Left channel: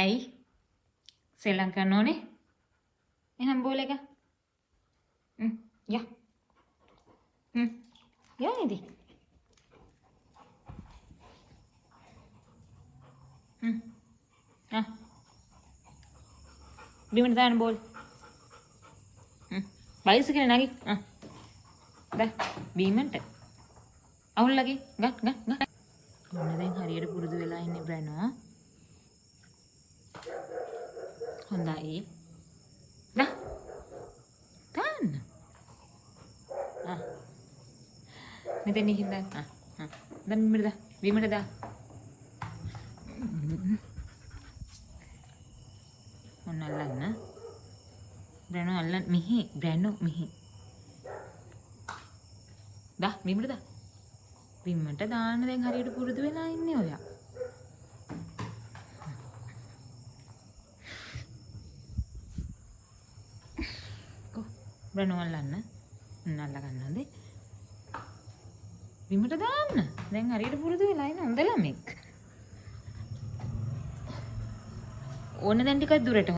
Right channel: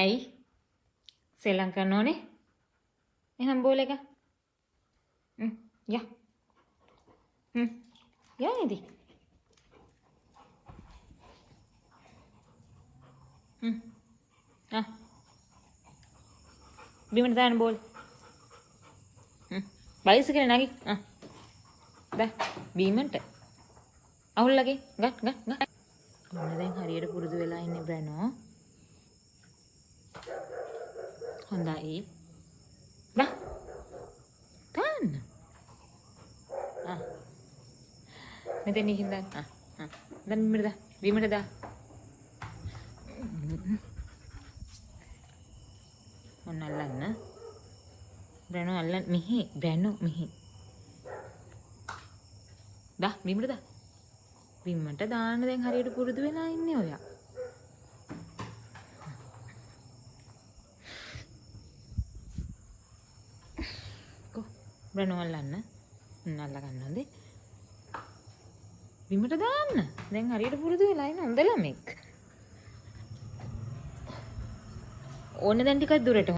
ඇයි? සෙල්ලම් කරන්න ඕනේ? එහෙනම් බෝල් එක. යා. යා නේද? බිමට දාන්න බෝල්. බයිස් එක නැගි. ගන්න. බිමට. අවුල්ලගේ. ගන්න. ඔන්න දැන් හරියට පුරුදු වෙලා ඉන්නේ බෑනවා. හොඳයි. දාන්න. මෙතන ඉන්න දාන්න. දැන් බිමට දාන්න. අල්ලන්න. දැන් අල්ලන්න මෙහි දැන් මෙහි. බිමට දා. බිමට දාන්න දැන් හරියට පුරුදු වෙලා ඉන්නේ ඔයා. බ්‍රනු අල්ලන්න. අල්ල ගන්නද? බිමට දාන්න. දැන් හරියට පුරුදු වෙලා ඉන්නේ හොඳ ළමෙක්. ඕන දැන් ටිකක් දුරට